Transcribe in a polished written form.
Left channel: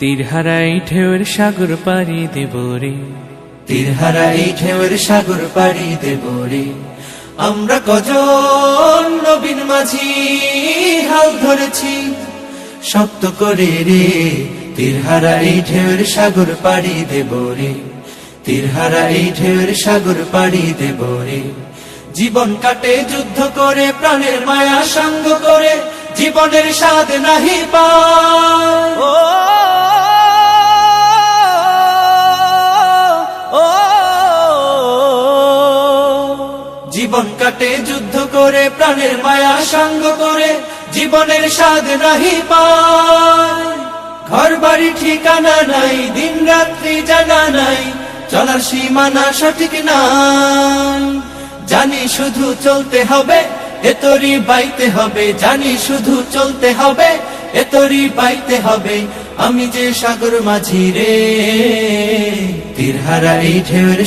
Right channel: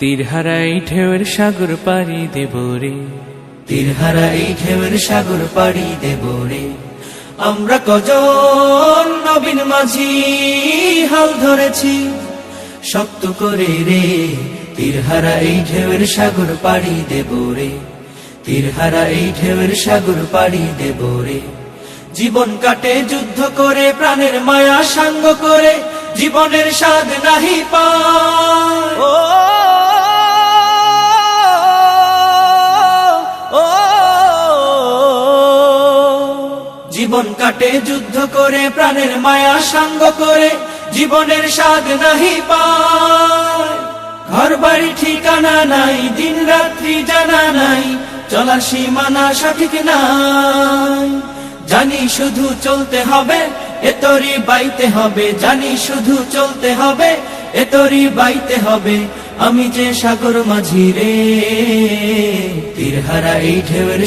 তীরহারা এই ঢেউয়ের সাগর পাড়ি দেব রে, তীরহারা এই ঢেউয়ের সাগর পাড়ি দেব রে। আমরা কজন নবীন মাঝি হাল ধরেছি শক্ত করে রে, তীরহারা এই ঢেউয়ের সাগর পাড়ি দেব রে, তীরহারা এই ঢেউয়ের সাগর পাড়ি দেব রে। জীবন কাটে যুদ্ধ করে, প্রাণের মায়া সঙ্গ করে, জীবনের স্বাদ নাহি পায়। ও জীবন কাটে যুদ্ধ করে, প্রাণের মায়া সঙ্গ করে, জীবনের স্বাদ নাহি পায়। ঘর বাড়ি ঠিকানা নাই, দিন রাত্রি জানা নাই, চলার সীমানা সঠিক নাই। জানি শুধু চলতে হবে, এতরি বাইতে হবে, জানি শুধু চলতে হবে, এতরি বাইতে হবে। আমি যে সাগর মাঝি রে, তীরহারা এই ঢেউয়ের